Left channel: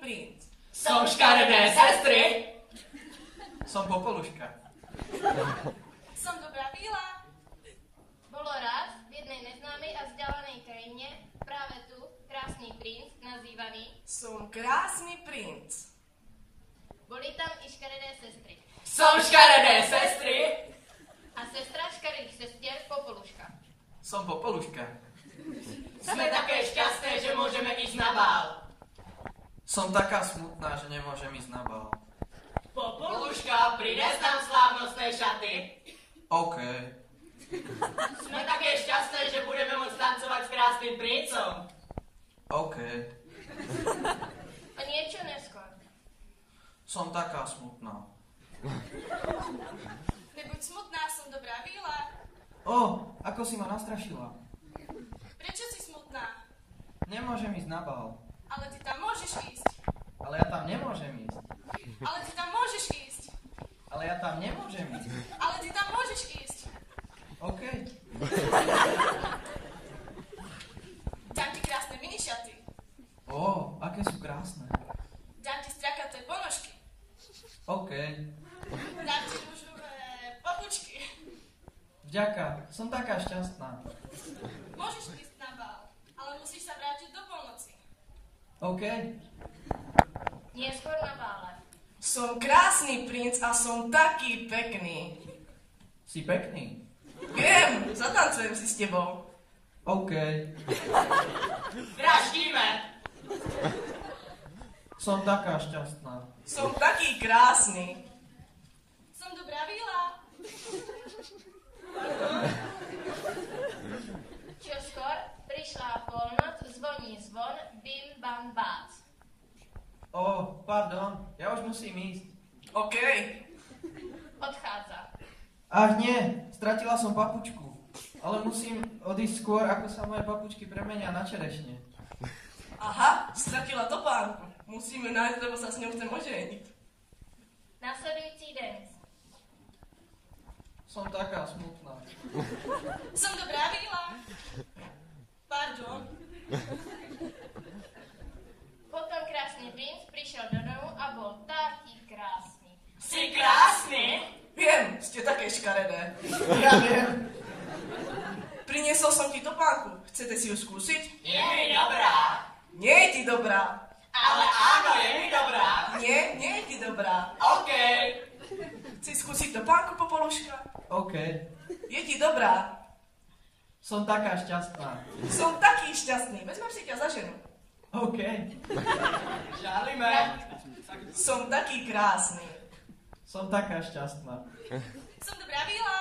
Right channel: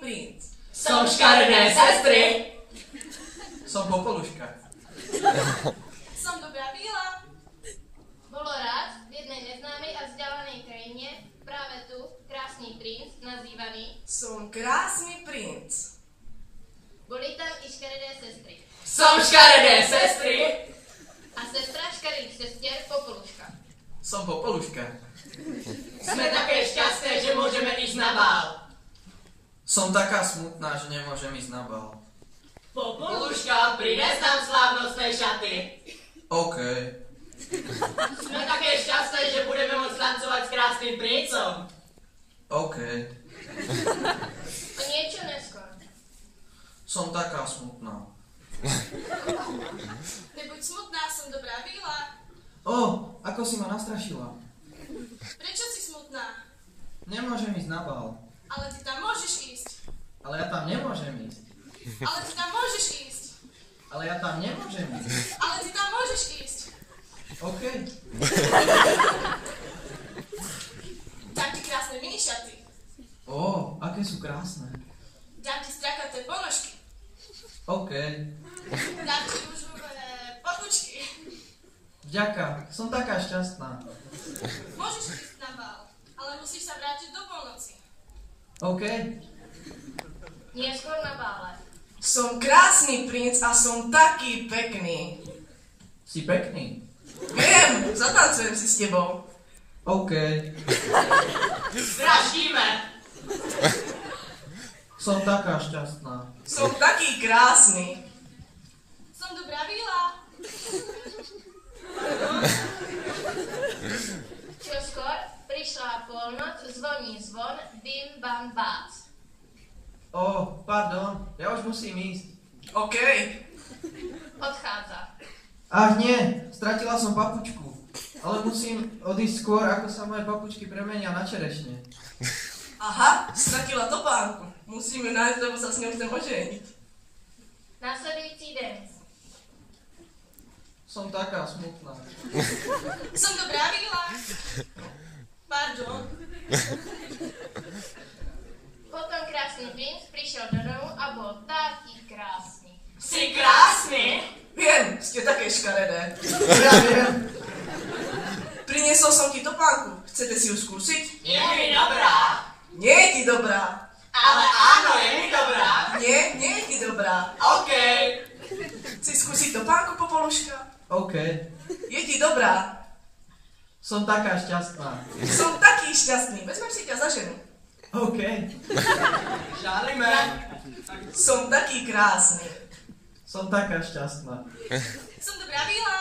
princ. Som škaredé sestry. Som Popoluška. Som dobrá víla. Bolo raz v jednej neznámej a vzdialenej krajine práve tu krásny princ nazývaný. Som krásny princ. Boli tam i škaredé sestry. Som škaredé sestry. A sestra škaredých sestier Popoluška. Som Popoluška. Sme také šťastné, že môžeme ísť na bál. Som taká smutná, že nemôžem ísť na bál. Popoluška, prines nám slávnostné šaty. OK. Sme také šťastné, že budeme môcť tancovať s krásnym princom. OK. A niečo neskôr. Som taká smutná. Nebuď smutná, som dobrá víla. Ako si ma nastrašila. Prečo si smutná? Nemôžem ísť na bál. Ale ty tam môžeš ísť. Ale ja tam nemôžem ísť. Ale ty tam môžeš ísť. Ale ja tam nemôžem ísť. Ale ty tam môžeš ísť. OK. Dám ti krásne minišaty. Aké sú krásne. Dám ti strakaté ponožky. OK. Dám ti rúžové papučky. Vďaka, som taká šťastná. Môžeš ísť na bál, ale musíš sa vrátiť do polnoci. OK. Neskôr na bále. Som krásny princ a som taký pekný. Si pekný. Viem, zatancujem si s tebou. OK. Vraždíme. Som taká šťastná. Som taký krásny. Som dobrá víla. Čoskôr prišla polnoc, zvoní zvon, bim bam bác. Pardon, ja už musím ísť. OK. Odchádza. Ach nie, stratila som papučku. Ale musím odísť skôr, ako sa moje papučky premenia na čerešne. Aha, stratila topánku. Musím ju nájsť, lebo sa s ňou chcem oženiť. Nasledujúci deň. Som taká smutná. Som dobrá víla. Pardon. Potom krásny princ prišiel do domu a bol taký krásny. Si krásny. Viem, ste také škaredé. Ja viem. Priniesol som ti topánku. Chcete si ju skúsiť? Je mi dobrá. Nie je ti dobrá. Ale áno, je mi dobrá. Nie, nie je ti dobrá. OK. Chci skúsiť topánku, Popoluška? OK. Je ti dobrá. Som taká šťastná. Som taký šťastný. Vezmem si ťa za ženu. OK. Žalíme. Som taký krásny. Som taká šťastná. Som dobrá víla.